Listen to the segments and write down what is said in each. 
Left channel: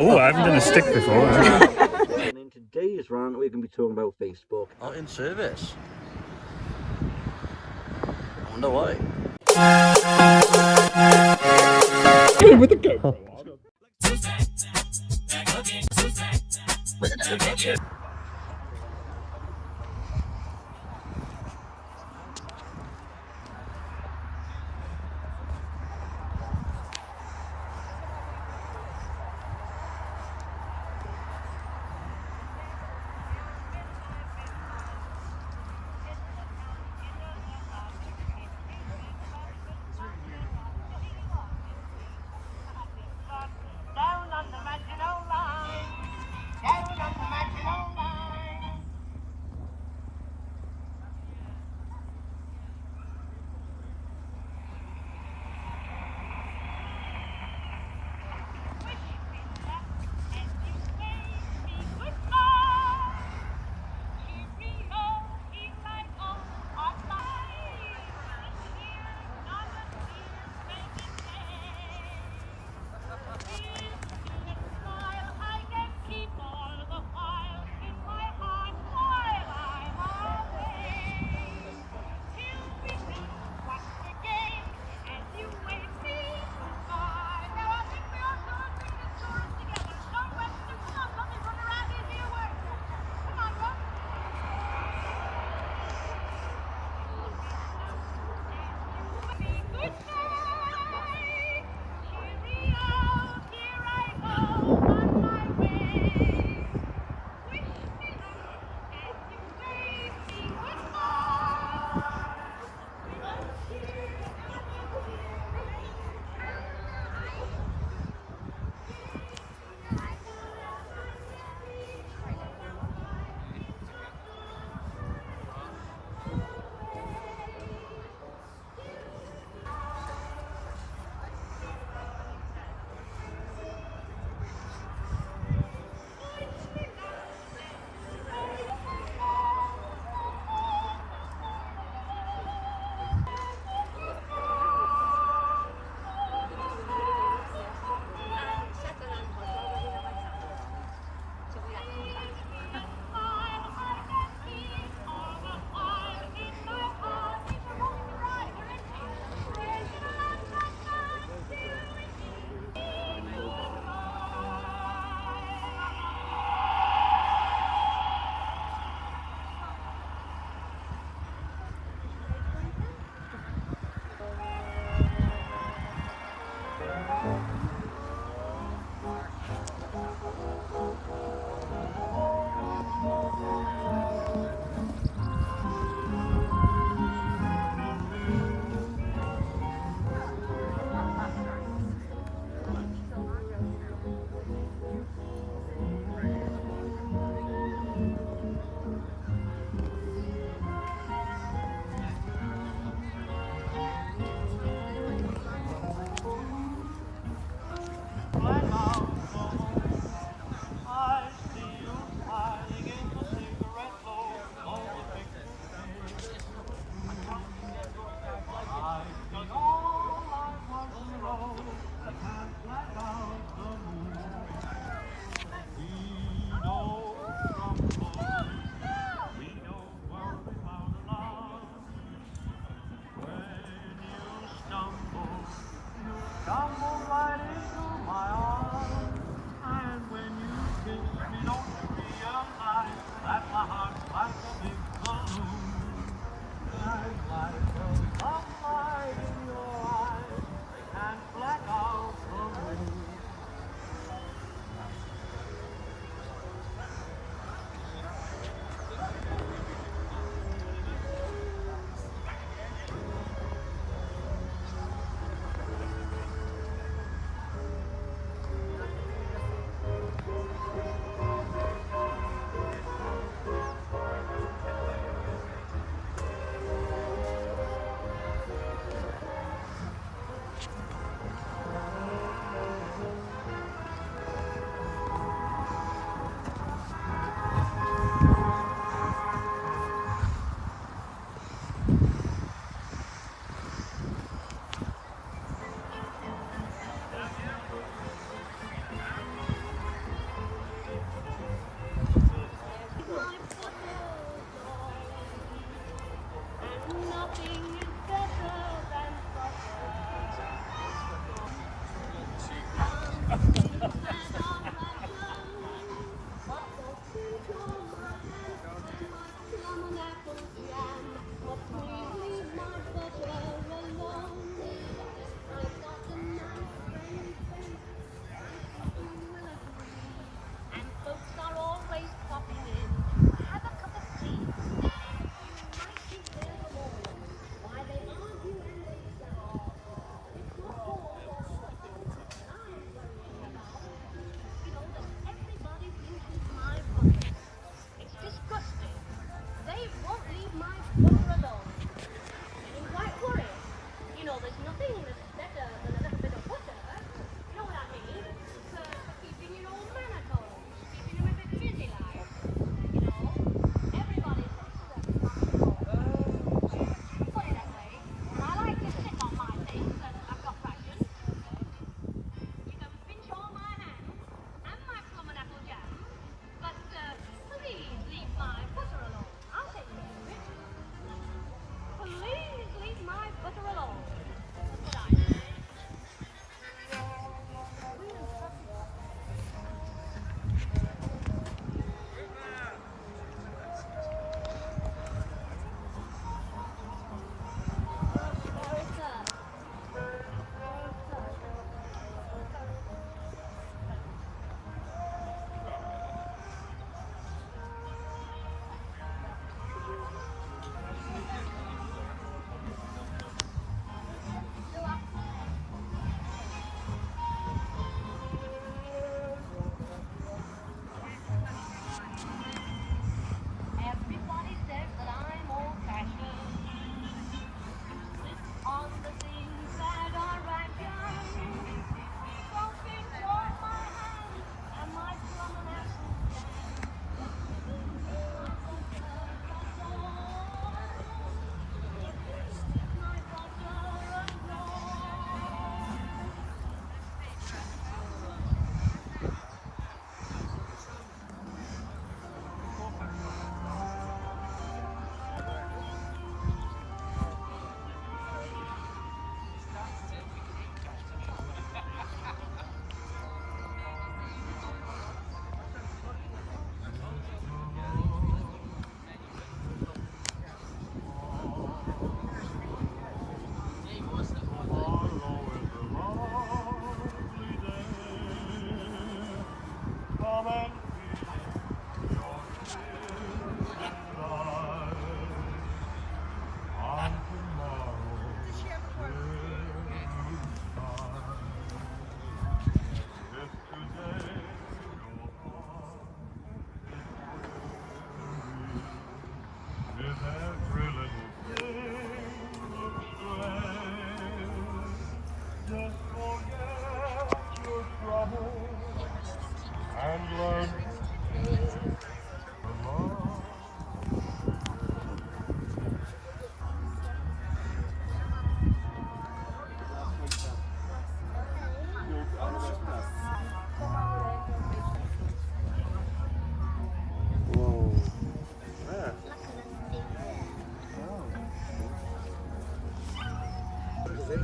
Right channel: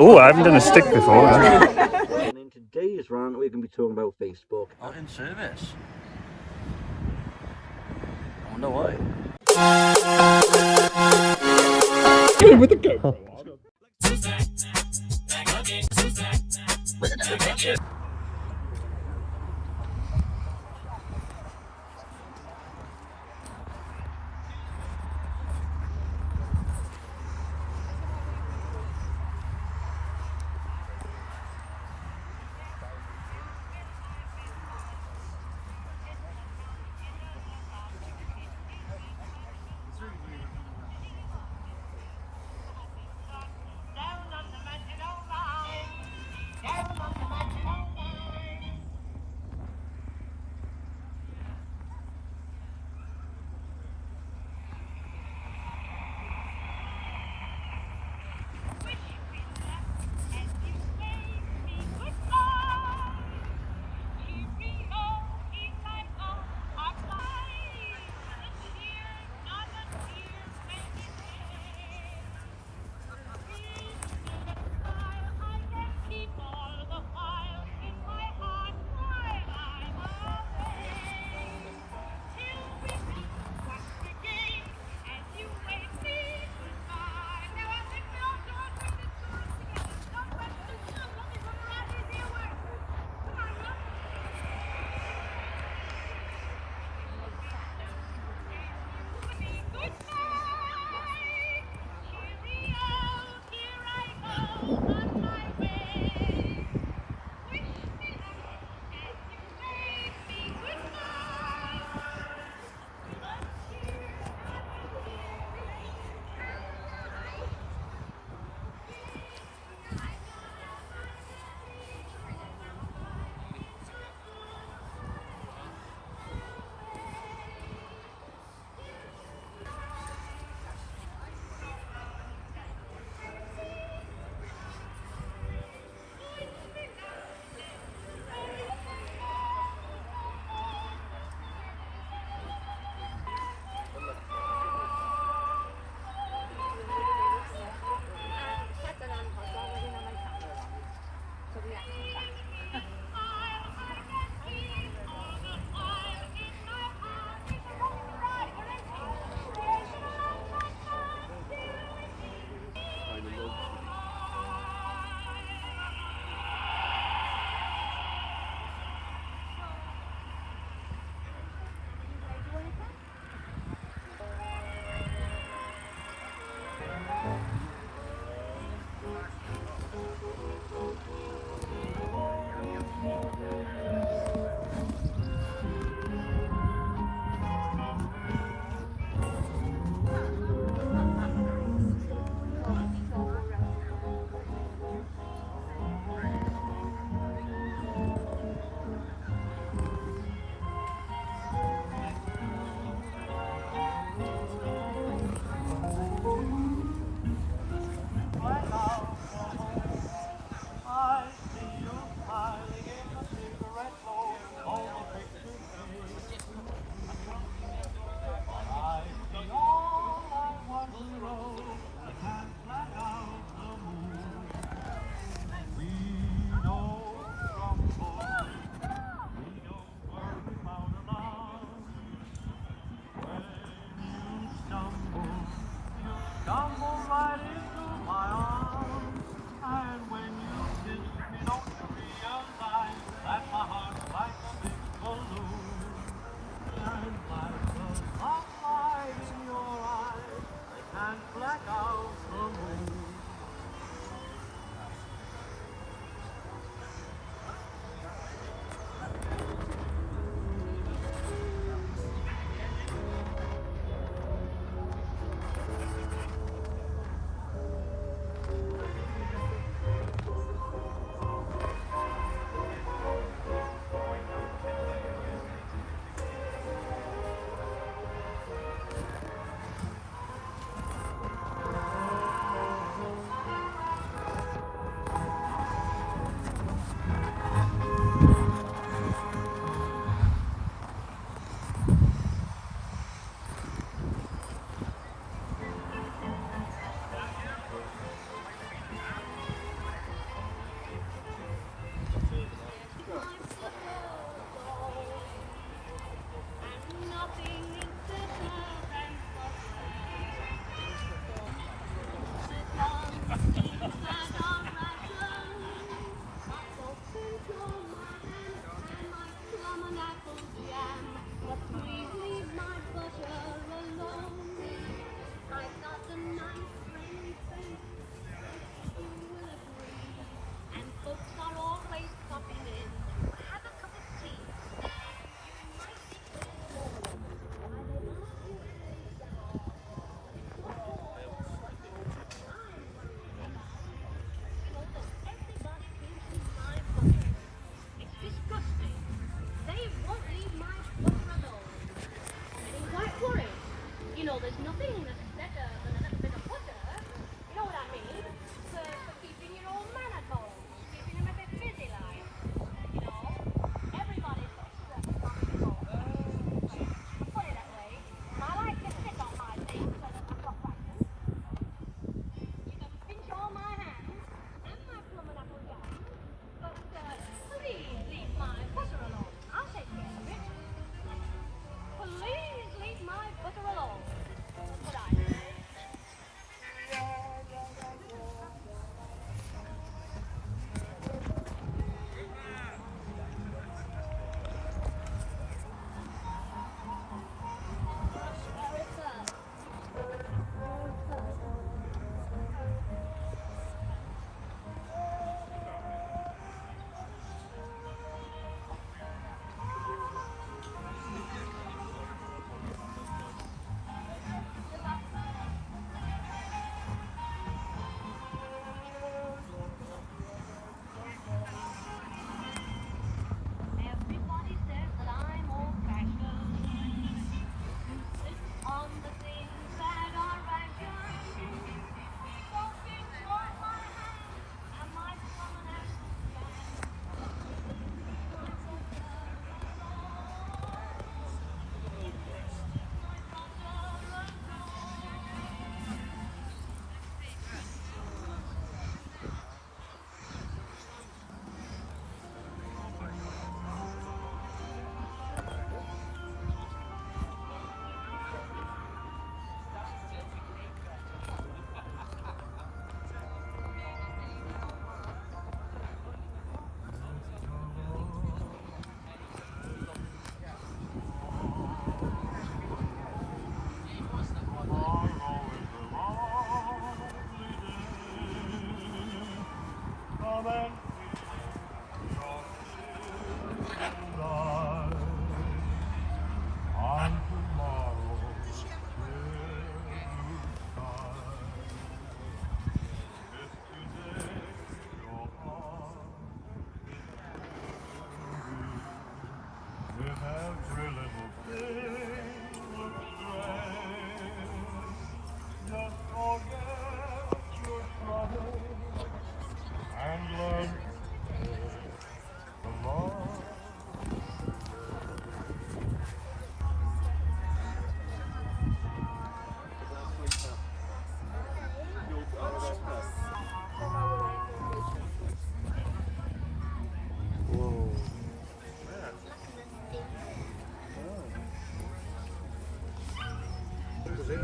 Oh, I haven't done a stick before. And in today's rant, we're going to be talking about Facebook. Not in service. I wonder why. With the GoPro on.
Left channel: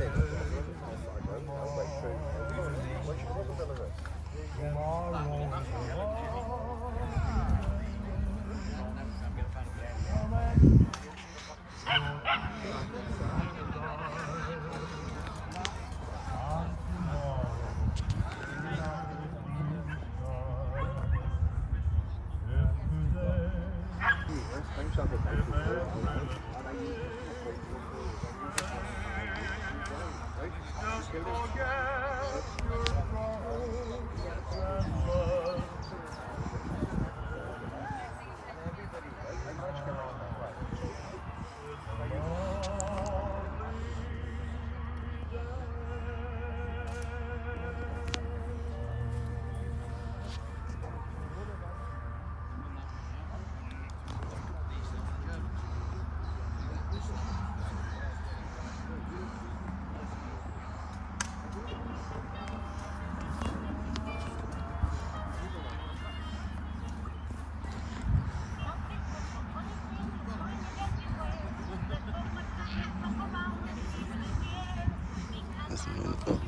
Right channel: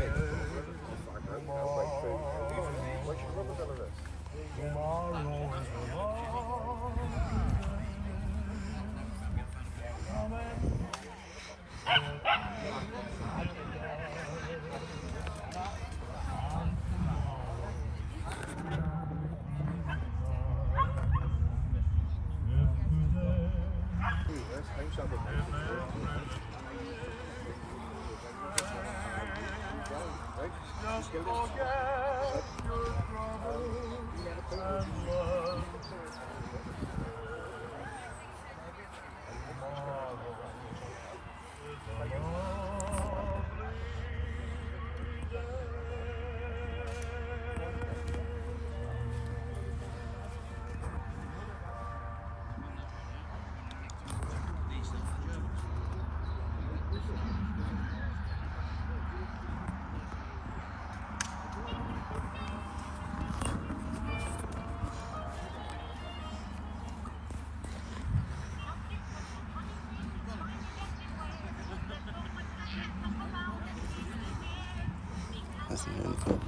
That's beautiful.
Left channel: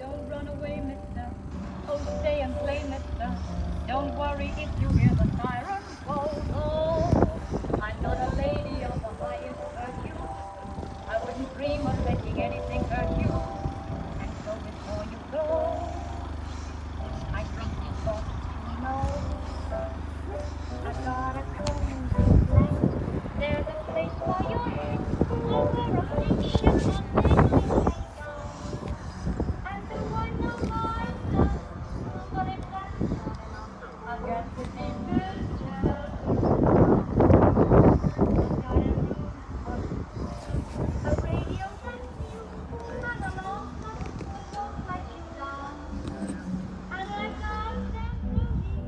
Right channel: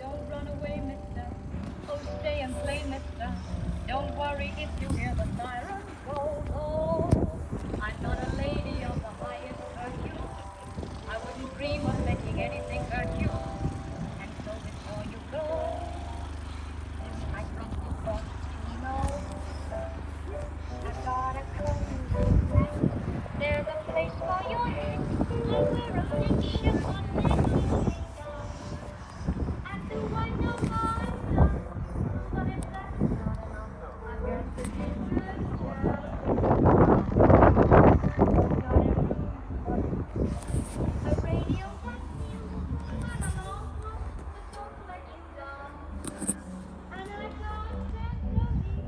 Don't run away, mister. Oh, stay and play, mister. Don't worry if you hear the siren go. Oh, I'm not a lady of the highest virtue. I wouldn't dream of letting anything hurt you. And so before you go, I think you ought to know. I've got a cool place. There's a place for your head. Where a picture on there. And the one no matter, but if that's not enough, I've got the neighbors a radio that you run along, won't let you down. And I got that movie,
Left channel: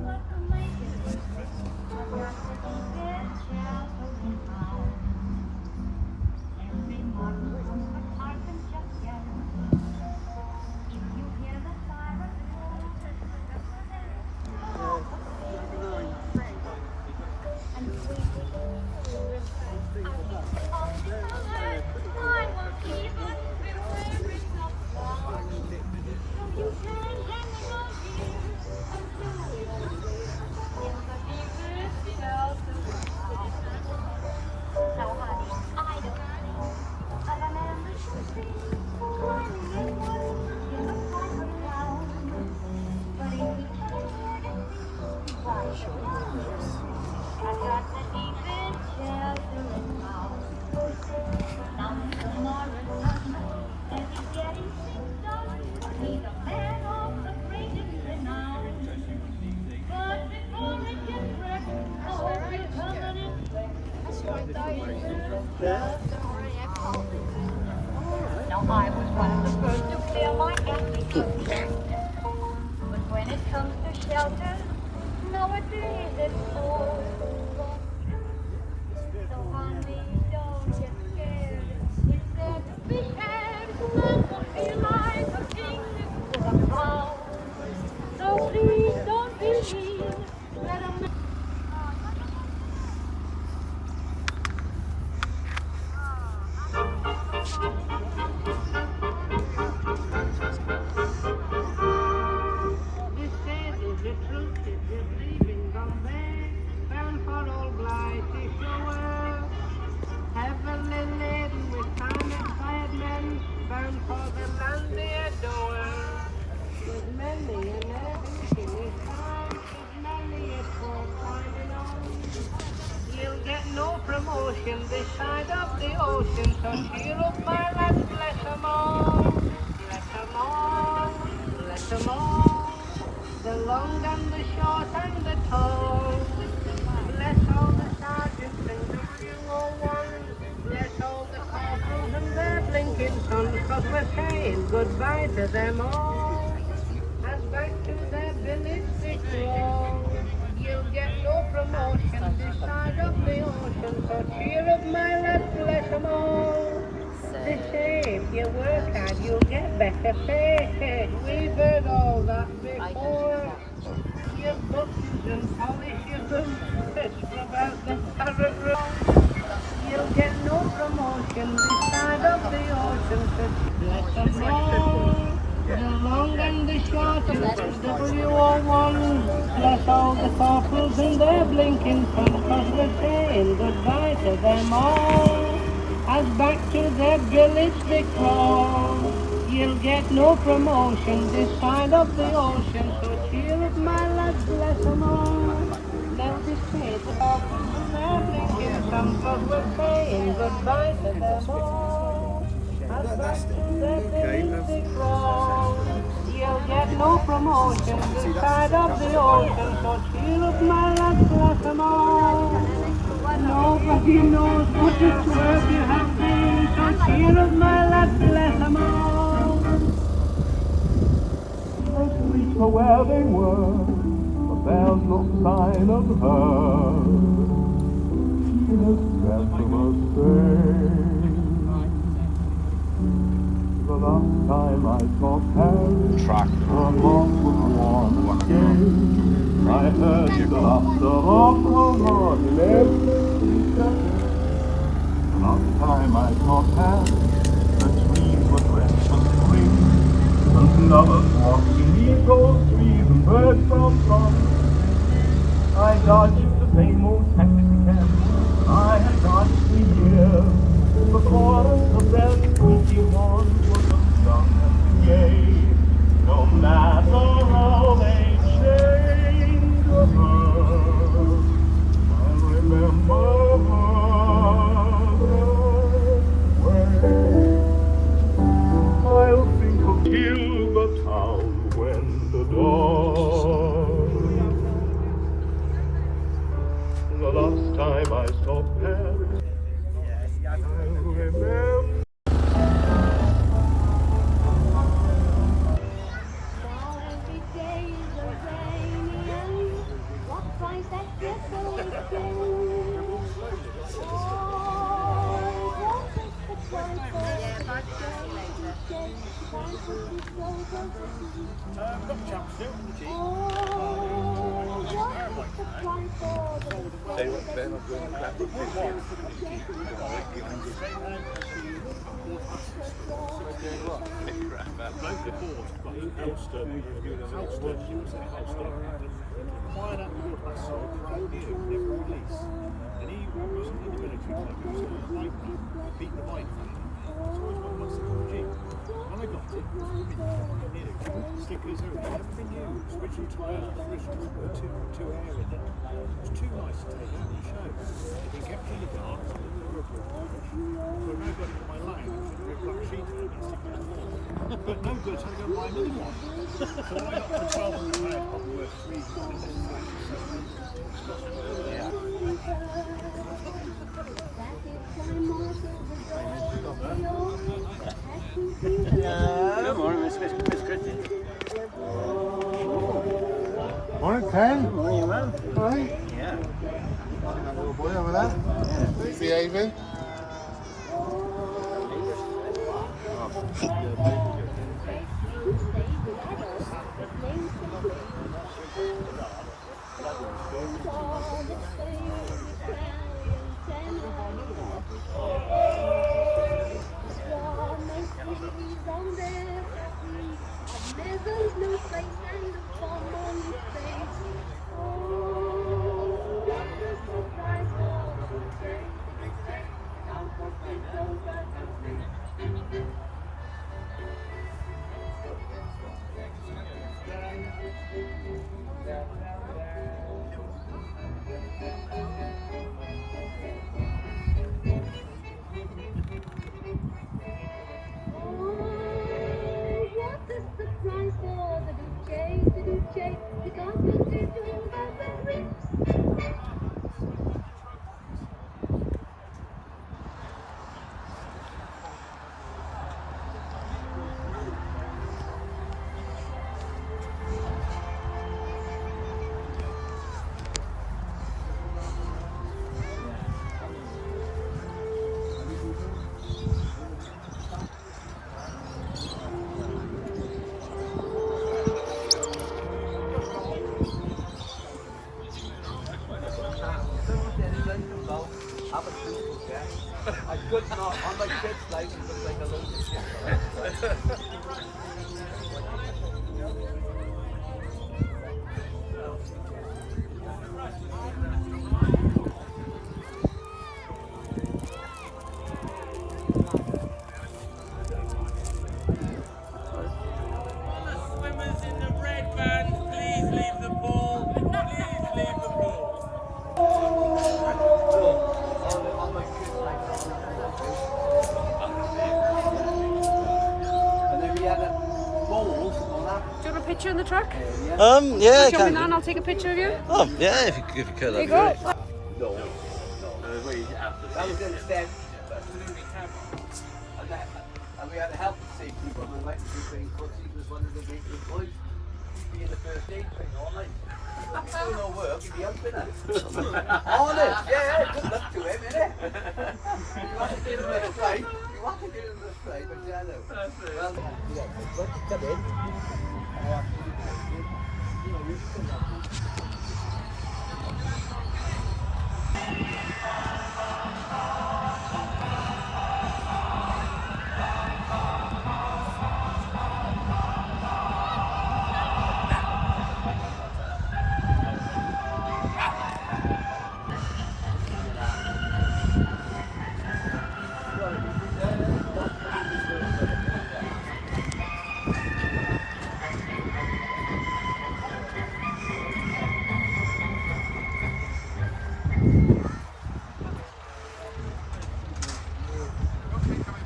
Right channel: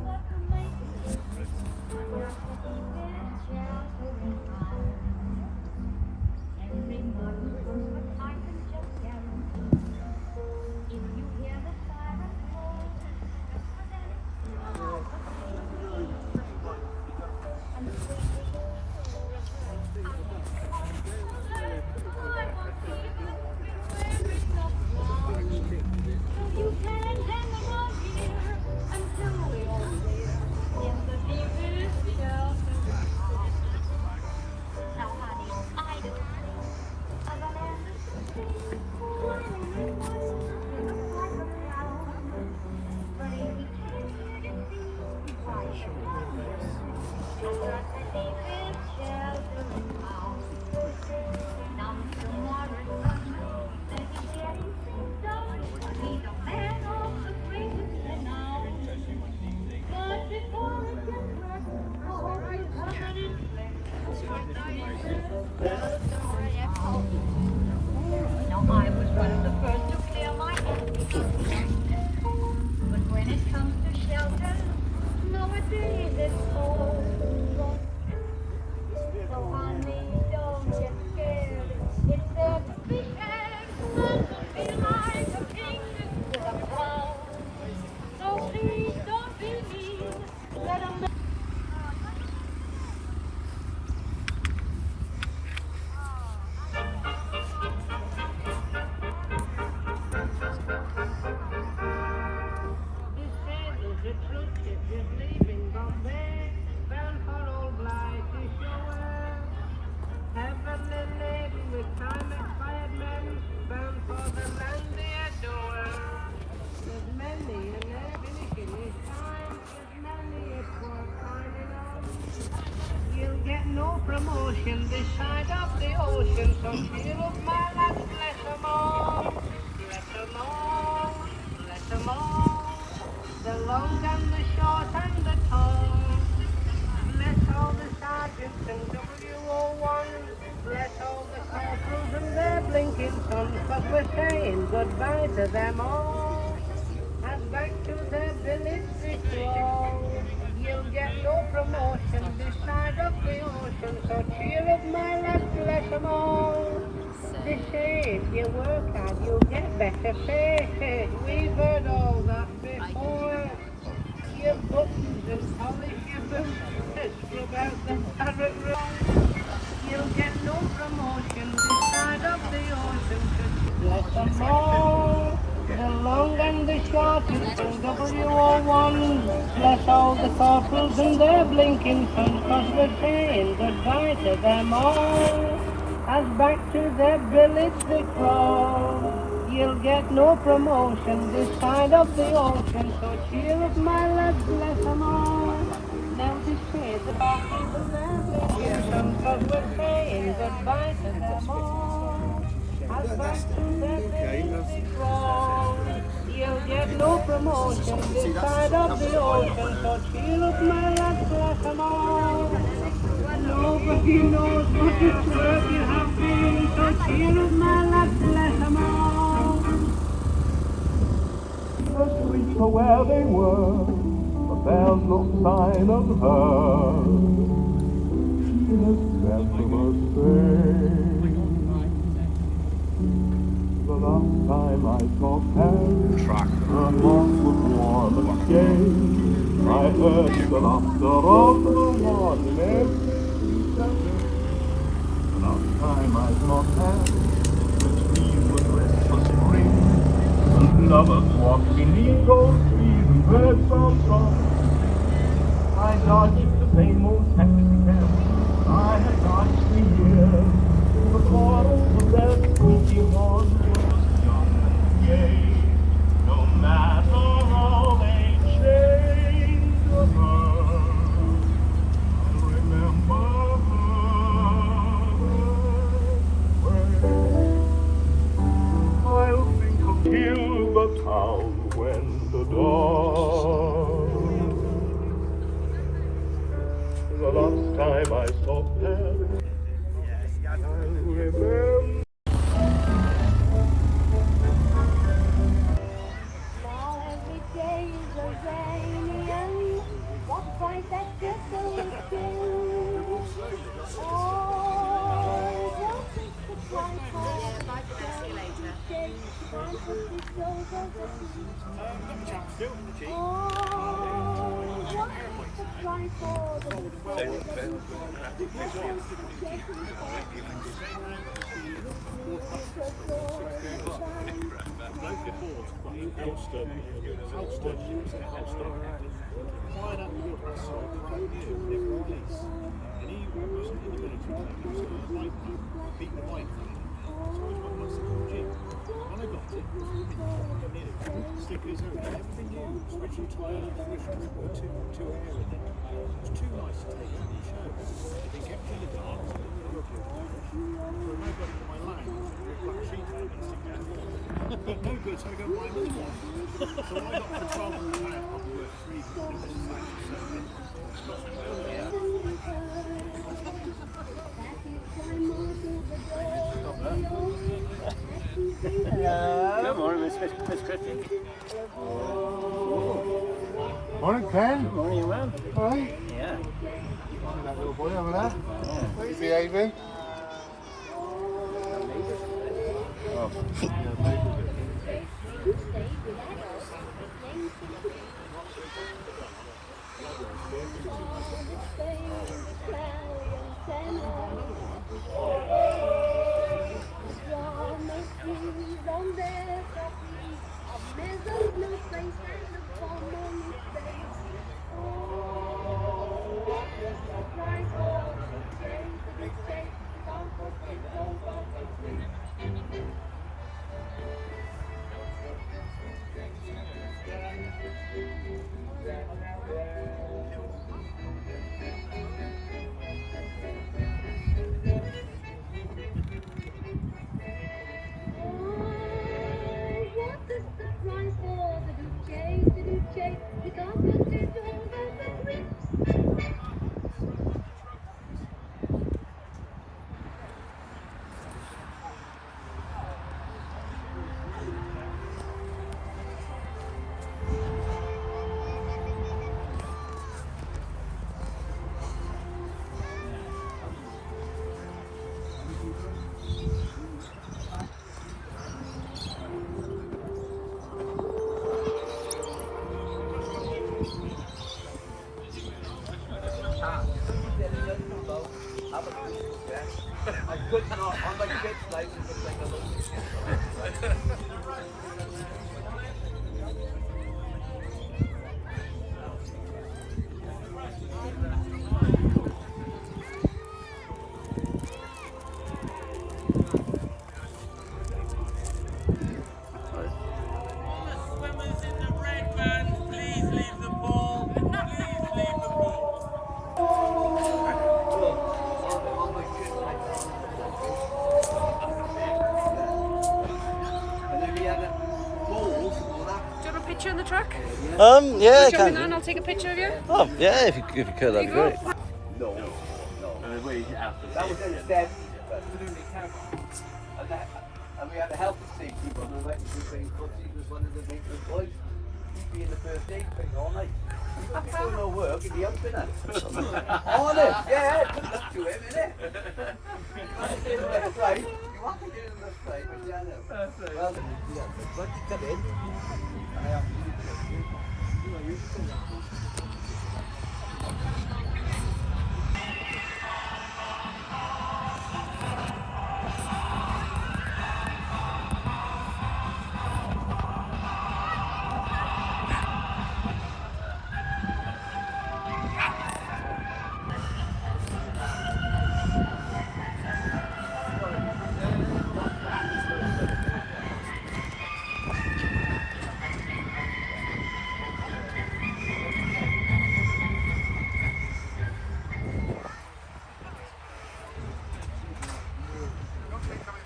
what to make it fit. I've got the neighbors traveling round. Every model a carpenter guarantee. If you hear the siren call, and say, I won't even be wearing a gown. So you can hang around here until you're in the deepest shelter town. Now, honey, I don't see of an ambition tree climbing in the private ground. But if you turn and see why I've got the deepest shelter town. Now, Mr. Morrison, let me get you done. He's a man of the greatest renown. But before it gets wrecked, I hope you cover it quick. Now I was one of the first to clear my application. But when it comes to shelter, nowadays it's cold. So honey, don't get scared. It's there to be had. And to feel like a king with a crown. So please don't believe that I'm This is the truth, it is leaving Bombay, bound for old blighty shore. Heavily laden with time and quiet men, bound for the land they adore. There's many an agony in his time, there's many a poor finding out. You'll get no promotion this side of the ocean, so cheer up my lads, bless 'em all. Bless 'em all, bless 'em all. The long and the short and the tall. Bless all the sergeants and WO1. Bless all the captains and their blinking sons, 'cause we're saying goodbye to them all. And back to their village they crawl. You'll get no promotion this side of the ocean, so cheer up my lads, bless 'em all. The same you work hard, you'll get better pay. We've heard all that before. Your buttons and polish your boots, scrub out the parrot roll. You'll get no promotion this side of the ocean, so bless 'em all. The long and the short and WO1. Bless all the corporals and their blinking sons, 'cause we're saying goodbye to them all. As back to their village they crawl. You'll get no promotion this side of the ocean, so cheer up my lads, bless 'em all. They'll be straight the corporals and their blinking sons, 'cause we're saying goodbye to them all. As back to their village they crawl. You'll get no promotion this side of the ocean, so cheer up my lads, bless 'em all. Nobody knows what it's worth you have been, so cheer up where they were, but there's no sign of her. She has left them a stain. The last time I saw Paris, her heart was warm and gay. I heard the laughter of her heart in every cafe. The last time I saw Paris, the trees were dressed for spring, and lovers walked beneath those trees and birds found songs to sing. I dodged the same old taxi cab I had dodged for years. The chorus of their squeaky horns was as young and gay. No matter how they changed her, I remember her. I'll think of till the town when the dawn. The last time I saw Paris, I remember. Fired up your hustle, brand new, never release. And he wasn't in the military, like he was a bike beat the bike thing. So I was one myself in the gym. When I got it, stickers, everything, everything new. Original tyre, original two air in it. It was too nice to take out and show. It'd been kept in the dark, so it didn't look good. But nobody for my lounge, with a black sheet on it, stick it in the wall. But no good, so I go buy a new one. So when I got to 1200 pound, I'll work 3 years in this factory, so it's got to go there. Good morning, Miss Christie. Morning, Ken. Good morning, man. All right. Yeah. That little boy over there. Where's the Adrian? In the truck? Yeah, I Show me can that and do. I'll take a picture of you. Oh, yeah, if you could, There that'd you be go. great. That was instead. And we had a health safety when we went to the train, because he was one of the main employees.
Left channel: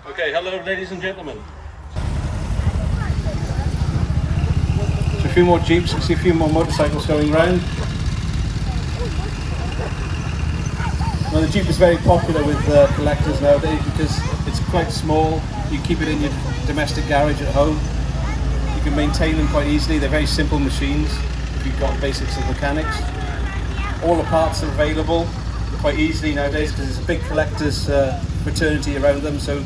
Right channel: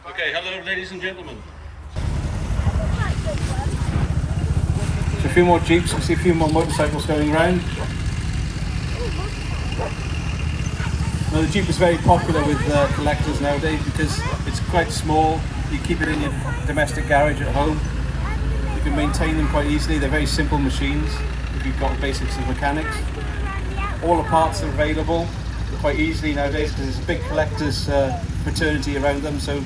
Okay, hello ladies and gentlemen. A few more jeeps, I see a few more motorcycles going around. Now the Jeep is very popular with collectors nowadays because it's quite small. You keep it in your domestic garage at home. You can maintain them quite easily. They're very simple machines if you've got the basics of mechanics. All the parts are available quite easily nowadays because there's a big collector's fraternity around them, so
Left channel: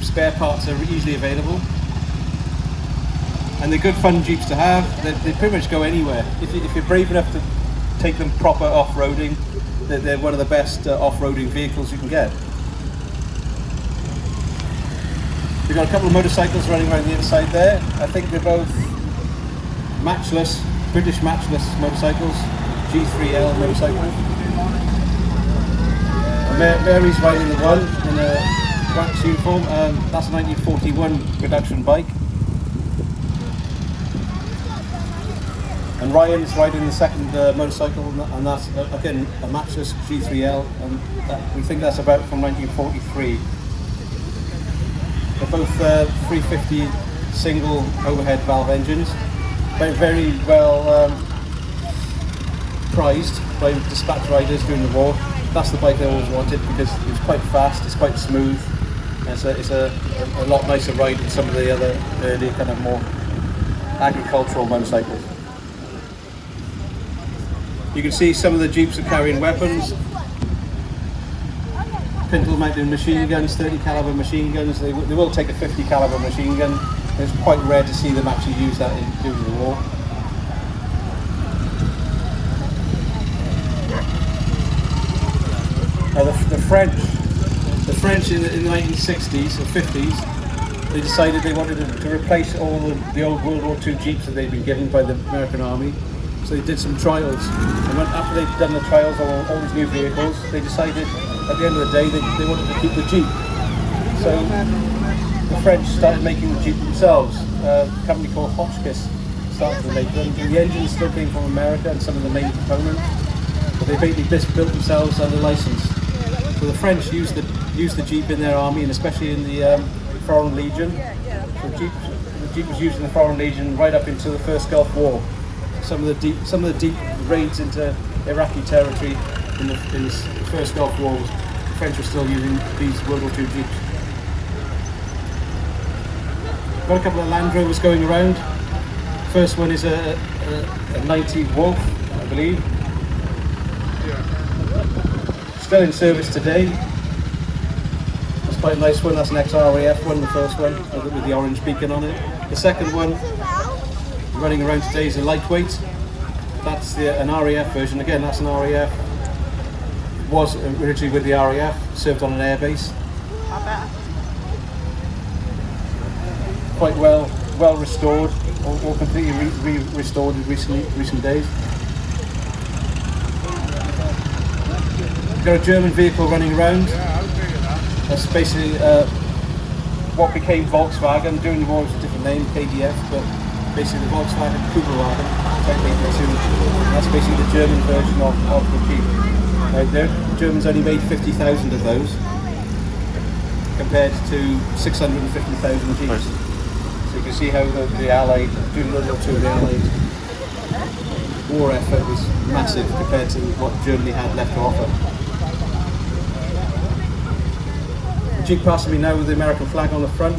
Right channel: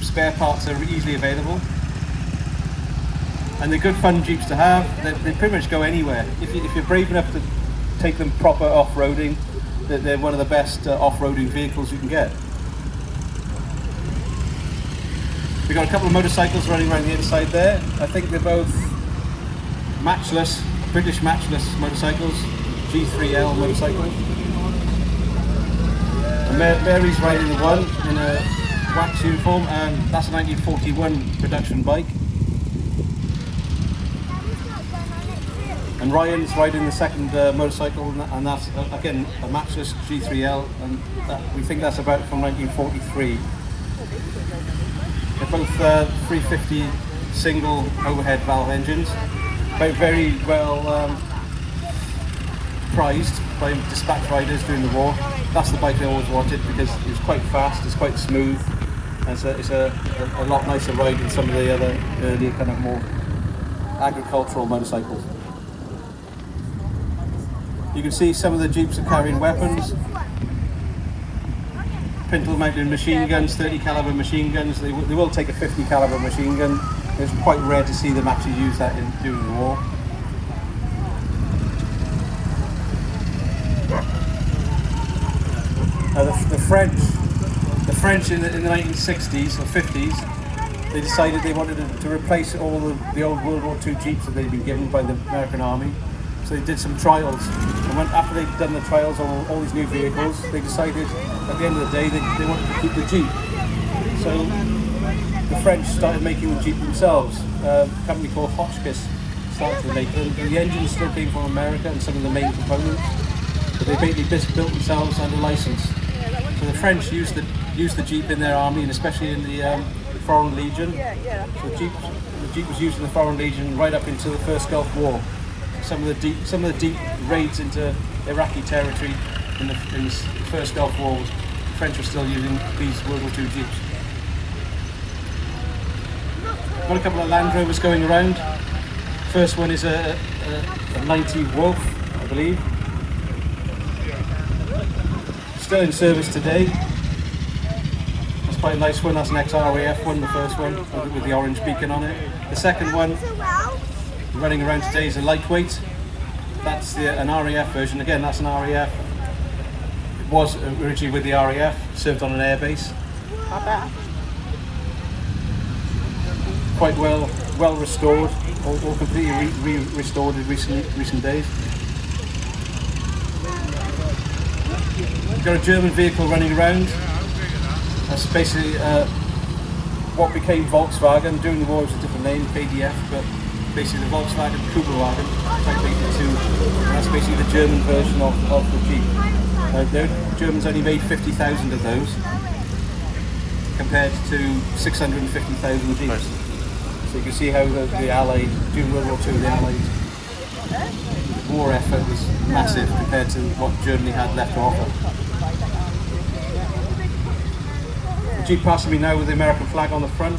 spare parts are easily available. And they're good fun Jeeps to have. They pretty much go anywhere. If you're brave enough to take them proper off-roading, they're one of the best off-roading vehicles you can get. We've got a couple of motorcycles running around the inside there. I think they're both matchless, British matchless motorcycles, G3L motorcycles. Mary's riding the one in a wax uniform, and that's a 1941 production bike. And Ryan's riding the second motorcycle, and that's again a matchless G3L, and we think that's about from 1943. They're both 350 single overhead valve engines, very well prized by dispatch riders during the war. That's the bike I always wanted because it was quite fast, it's quite smooth. It's a lot nicer ride than some of the other early kind of more agricultural motorcycles. You can see some of the Jeeps are carrying weapons. Pintle mounted machine guns, 30 caliber machine guns. They will take a 50 caliber machine gun. It's quite rare to see them actually use that during the war. Now the French in the 1960s or 50s, they decided they wanted to replace all the old World War II Jeeps that they'd been given by the American Army. So they did some trials, and after they'd done the trials on all these new vehicles, they decided at the end of the day they wanted to keep the Jeep. So the French started making the Jeep themselves. A company called Hotchkiss started to make them. The engines still came from America and some of the main components, but they basically just built themselves under license. So the French used the Jeep in their army, and especially in the Foreign Legion. The Jeep was used in the Foreign Legion right up into the first Gulf War. Some of the deep raids into Iraqi territory in the first Gulf War, the French were still using these World War II Jeeps. Got a couple of Land Rovers going around. First one is a 90 Wolf, I believe. Still in service today. It's quite a nice one. That's an ex-RAF one, the first one, with the orange beacon on it. The second one running around today is a lightweight. That's an RAF version. Again, that's an RAF. It was originally with the RAF, served on an airbase. Quite well restored, all completely restored in recent days. We've got a German vehicle running around. That's basically what became Volkswagen. During the war it was a different name, KDF, but basically the Volkswagen Kugelwagen, 1982. That's basically the German version of the Jeep. The Germans only made 50,000 of those, compared to 650,000 Jeeps. So you can see how the Allied, during World War II, the Allied war effort was massive compared to what Germany had left to offer. The Jeep passing me now with the American flag on the front.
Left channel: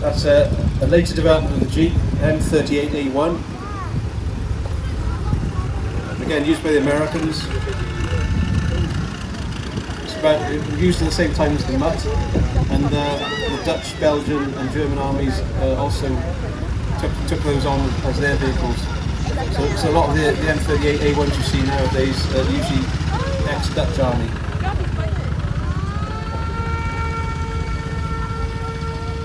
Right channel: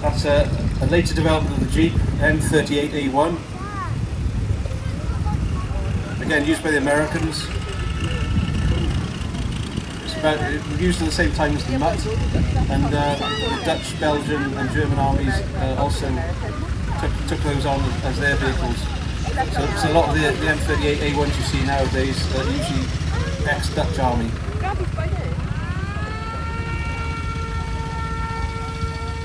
That's a later development of the Jeep, M38A1. again, used by the Americans. It was used at the same time as the Mutt, and the Dutch, Belgian and German armies also took those on as their vehicles. So a lot of the M38 A1s you see nowadays are usually ex-Dutch army.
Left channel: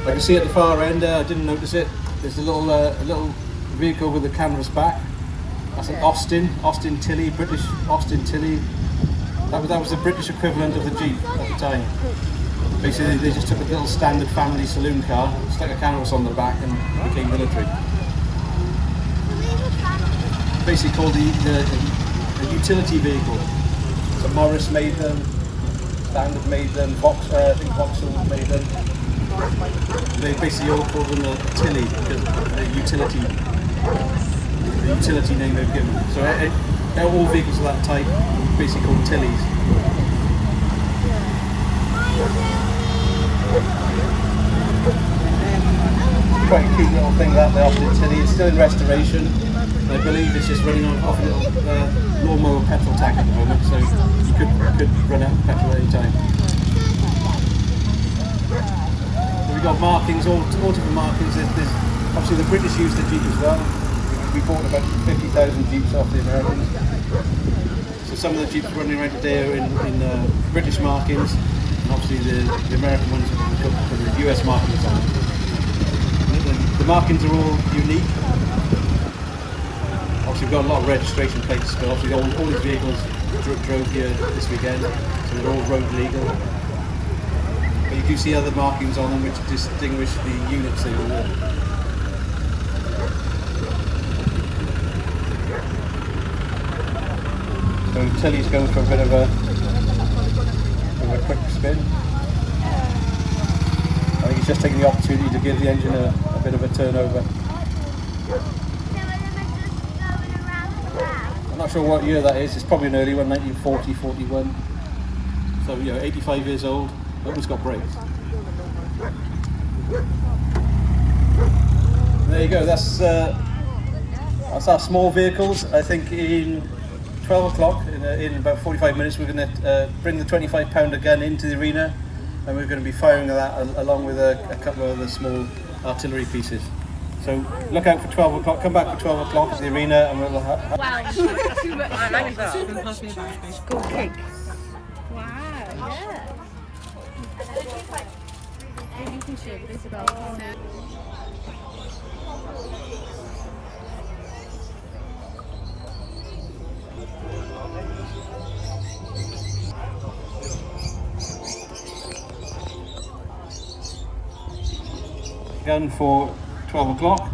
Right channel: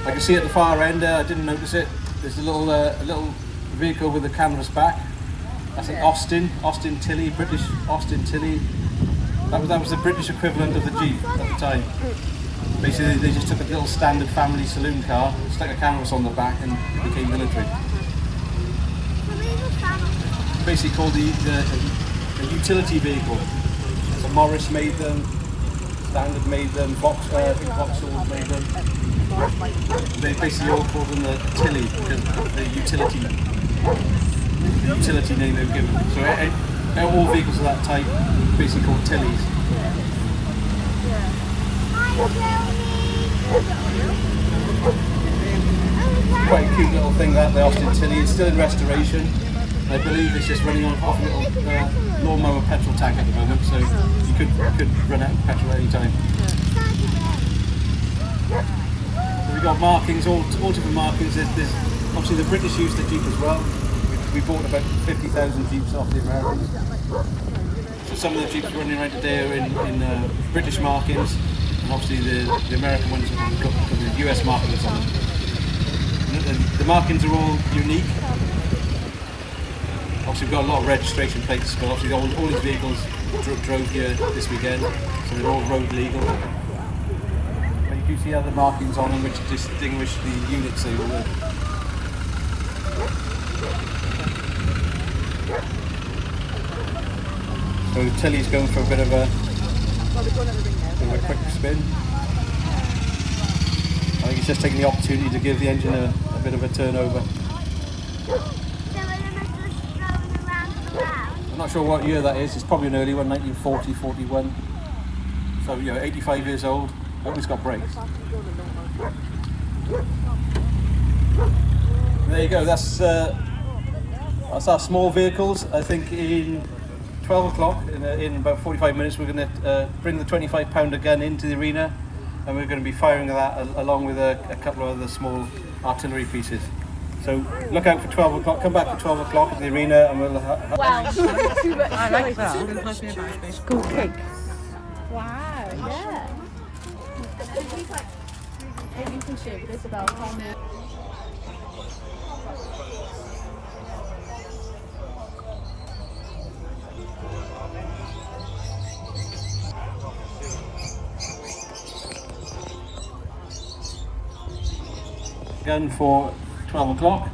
I can see at the far end, I didn't notice it, there's a little vehicle with a canvas back. That's an Austin Tilley, British Austin Tilley. That was the British equivalent of the Jeep at the time. Basically, they just took a little standard family saloon car, stuck a canvas on the back, and it became military. Basically called a utility vehicle. So Morris made them, Standard made them, I think Vauxhall made them. They basically all called them a Tilley because of the utility name they've given. So all vehicles of that type are basically called Tillies. Quite a cute little thing that the Austin Tilley. It's still in restoration. I believe it's just running off a little lawnmower petrol tank at the moment, so you could run out of petrol at any time. So we've got markings, all different markings. There's obviously the British used the Jeep as well. We bought about 50,000 Jeeps off the Americans. So some of the Jeeps running around today are in British markings, and obviously the American ones have got the US markings on them. The markings are all unique. Obviously we've got a lot of registration plates, but obviously all these vehicles drove here this weekend, so they're all road legal. But you do see other markings on them which distinguish the units they were. So Tilly's going for a bit of a quick spin. I think he's just taking the opportunity to give the engine a bit of a turnover. I'm not sure what year that is. It's probably an early one, 1940, 41. So 85 years old. Hope it's got brakes. There you go. That's our small vehicles. I think in 12 o'clock, in about 45 minutes, we're going to bring the 25-pounder gun into the arena, and we're going to be firing that along with a couple of other small artillery pieces. So look out for 12 o'clock, come back for 12 o'clock at the arena, and we'll have... Wow. Too much Cool cake. Wow. Yeah. You can share with us about gun for 12 o'clock.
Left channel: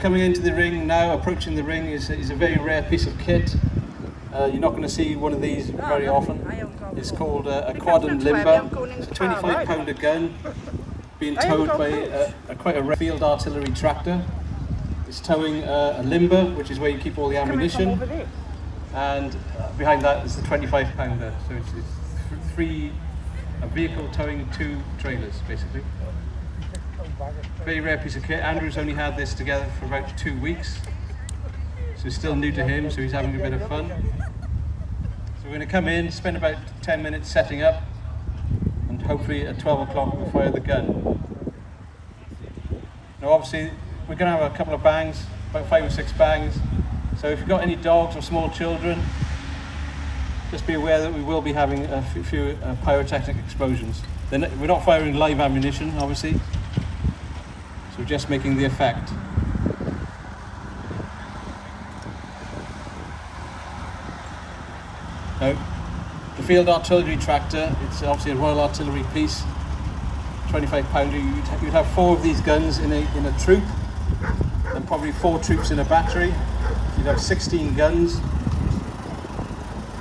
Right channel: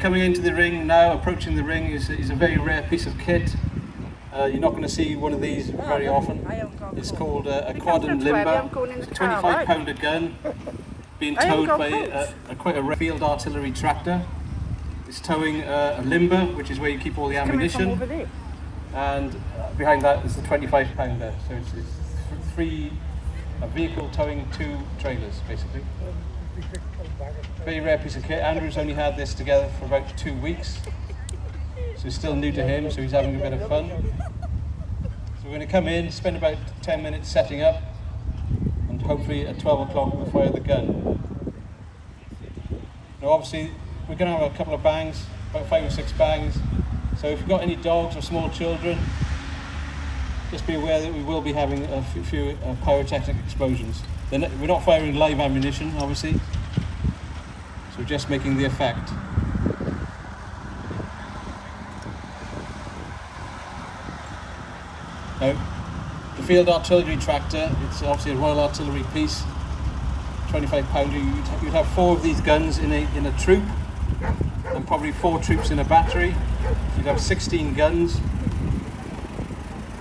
Coming into the ring now, approaching the ring is a very rare piece of kit. You're not going to see one of these very often. It's called a quad and limber. It's a 25-pounder gun being towed by quite a rare field artillery tractor. It's towing a limber, which is where you keep all the ammunition, and behind that is the 25-pounder. So it's a vehicle towing 2 trailers, basically. Very rare piece of kit. Andrew's only had this together for about 2 weeks, so it's still new to him, so he's having a bit of fun. So we're going to come in, spend about 10 minutes setting up, and hopefully at 12 o'clock we'll fire the gun. Now obviously we're going to have a couple of bangs, about 5 or 6 bangs, so if you've got any dogs or small children, just be aware that we will be having a few pyrotechnic explosions. We're not firing live ammunition, obviously, so we're just making the effect. Now, the field artillery tractor, it's obviously a Royal Artillery piece, 25-pounder. You'd have 4 of these guns in a troop, and probably 4 troops in a battery. You'd have 16 guns.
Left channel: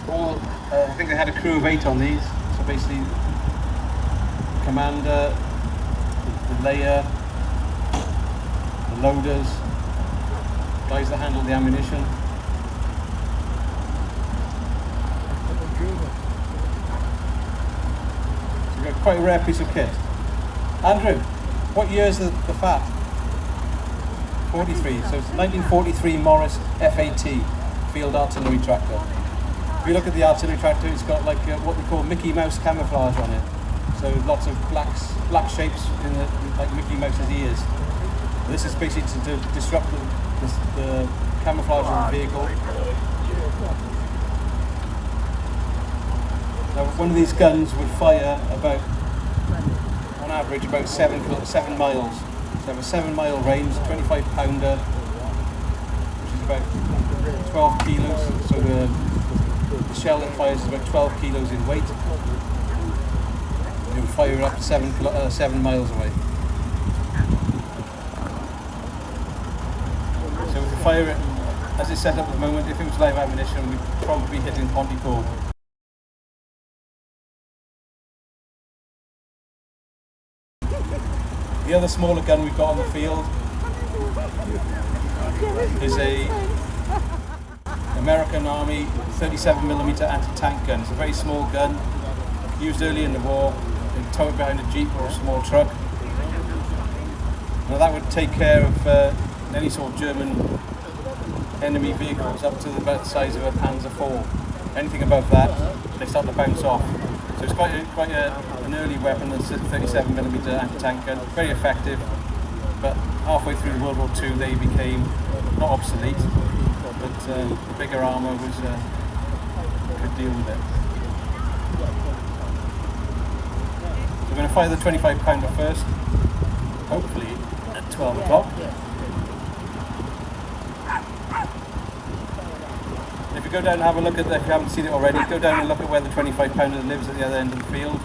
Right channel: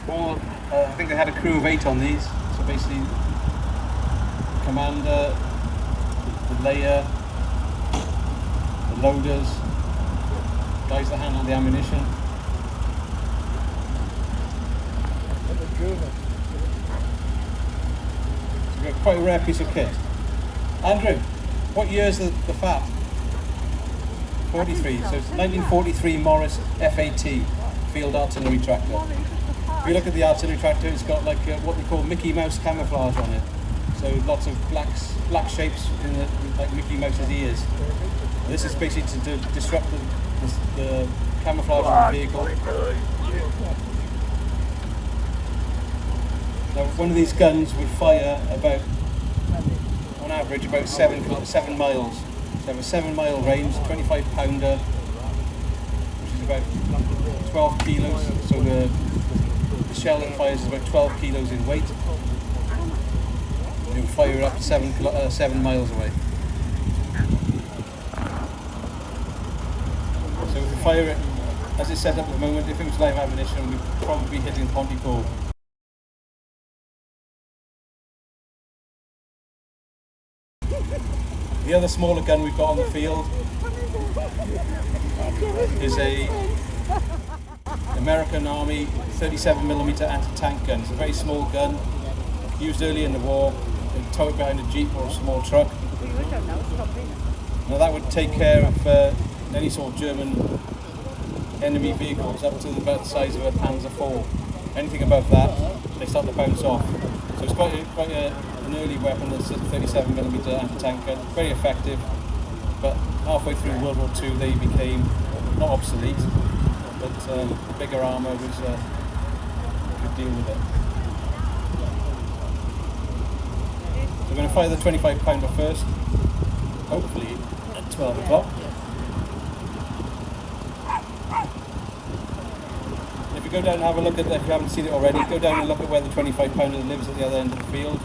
I think they had a crew of 8 on these, so basically the commander, the layer, the loaders, guys that handle the ammunition. So we've got quite a rare piece of kit. Andrew, what year is the FAT? 43, so it's 1943 Morris FAT, field artillery tractor. If you look at the artillery tractor, it's got like what we call Mickey Mouse camouflage on it. So lots of black shapes in like Mickey Mouse's ears. And this is basically to disrupt the camouflage of the vehicle. Now, one of these guns would fire about, on average, about 7 miles. So have a 7-mile range, 25 pounder, which is about 12 kilos. So the shell that fires is about 12 kilos in weight. It would fire up to 7 miles away. So if we fire it, as it's set up at the moment, if it was live ammunition, we'd probably be hitting Pontypool. The other smaller gun we've got on the field is a American Army 37mm anti-tank gun. It's a very small gun, used early in the war. They'd tow it behind a jeep or a small truck. Now that would take care of any sort of German enemy vehicles up to about the size of a Panzer IV. Anything above that, they start to bounce off. So it's quite an early weapon, the 37mm anti-tank gun, very effective, but halfway through World War II they became not obsolete, but bigger armour could deal with it. So we're going to fire the 25 pounder first, hopefully at 12 o'clock. If you go down and have a look at if you haven't seen it already, go down and look at where the 25 pounder lives at the other end of the field.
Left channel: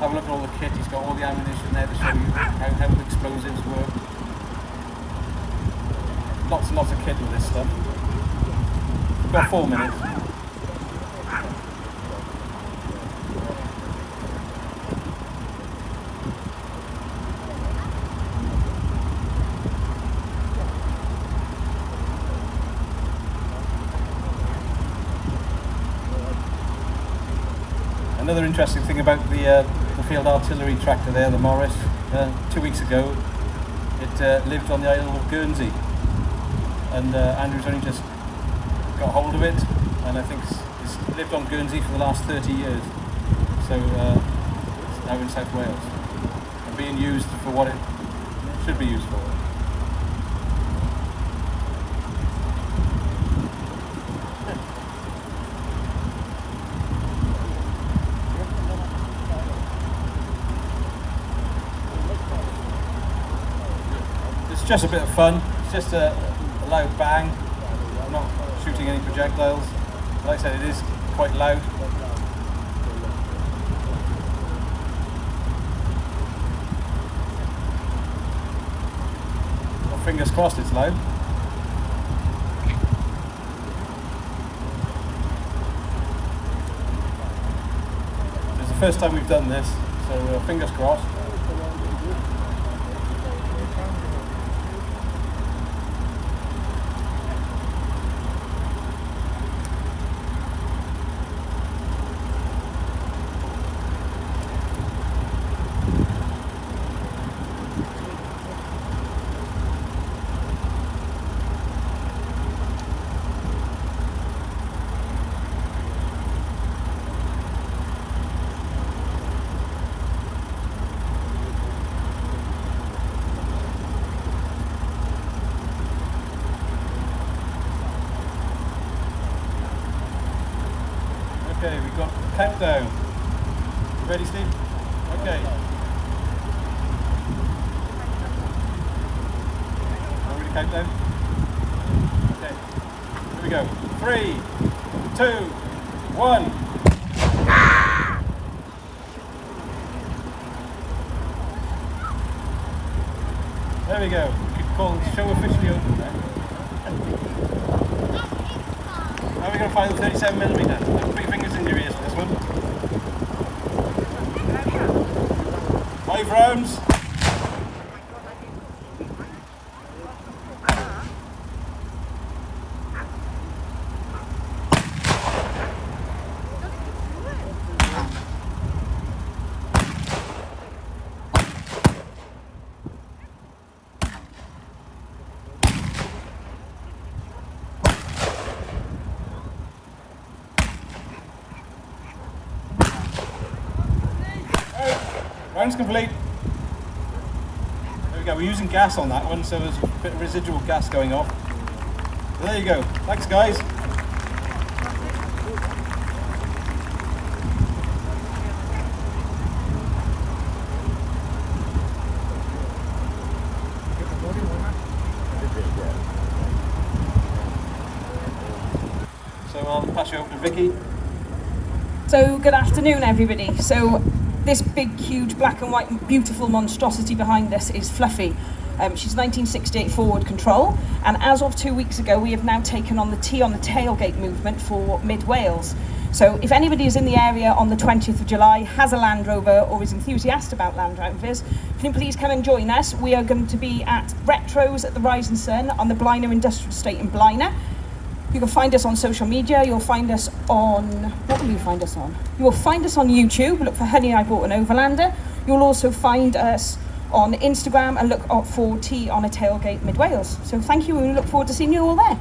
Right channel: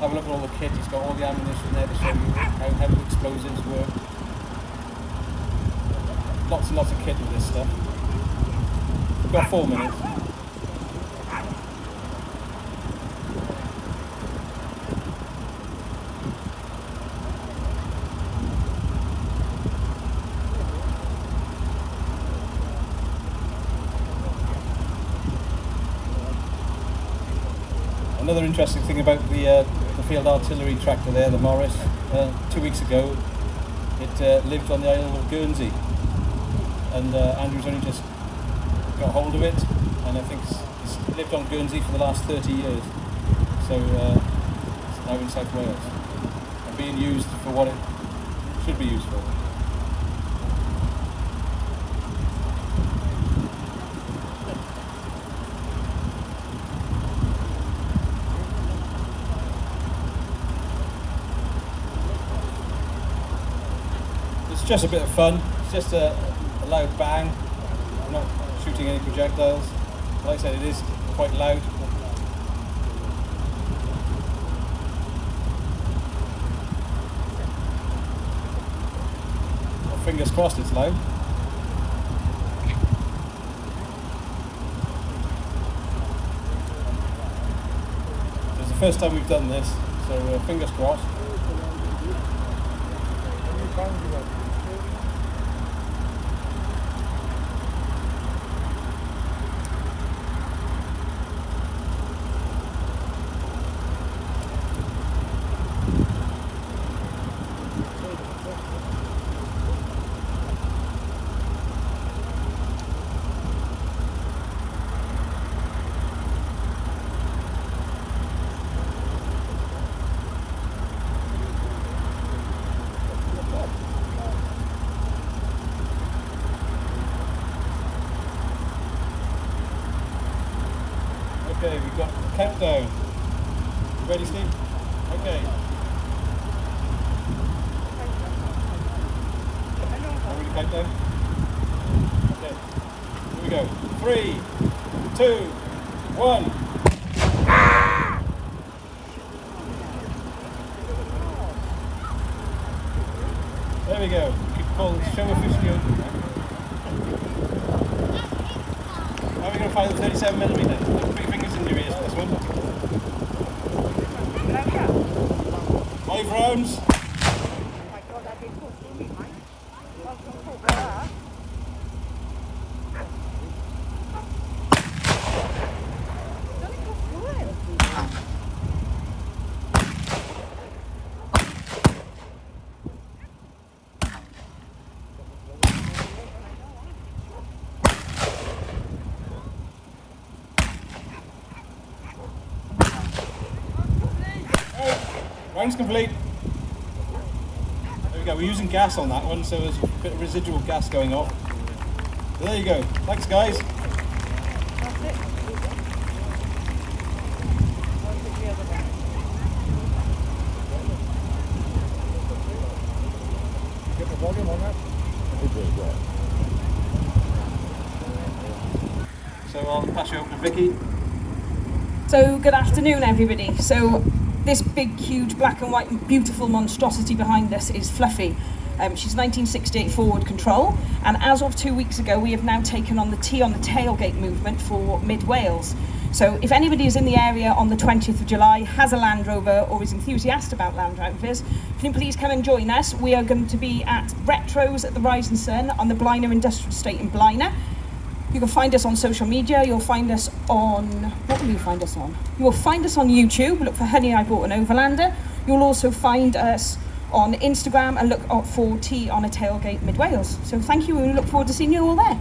Have a look at all the kit, he's got all the ammunition there to show you how the explosives work. Lots and lots of kit with this stuff. We've got 4 minutes. Another interesting thing about the field artillery tractor there, the Morris, 2 weeks ago, it lived on the island of Guernsey, and Andrew's only just got hold of it, and I think it's lived on Guernsey for the last 30 years, so it's now in South Wales, and being used for what it should be used for. It's just a bit of fun. It's just a loud bang. I'm not shooting any projectiles. Like I said, it is quite loud. Well, fingers crossed it's loud. It's the first time we've done this, so fingers crossed. Okay, we've got countdown. You ready, Steve? Okay. Are we ready to countdown? Okay. Here we go. 3, 2, 1. There we go. We can call the show officially open now. Now we're going to fire the 37mm. Put your fingers in your ears for this one. 5 rounds. Round's complete. There we go. We're using gas on that one, so there's a bit of residual gas going off. So there you go. Thanks, guys. So I'll pass you over to Vicky. So good afternoon everybody. So this big, huge, black and white, beautiful monstrosity behind us is Fluffy. She's 1968 forward control, and as of 2 weeks ago we have now taken on the tea on the tailgate movement for Mid Wales. So if anybody is in the area on the 20th of July, has a Land Rover or is enthusiastic about Land Rovers, can you please come and join us? We are going to be at Retros at the Rising Sun on the Blaenau Industrial Estate in Blaenau. You can find us on social media. You'll find us on, what will you find us on? You will find us on YouTube. Look for Honey, I Bought an Overlander. You'll also find us on Instagram and look for Tea on a Tailgate Mid Wales. So thank you, and we look forward to seeing you all there.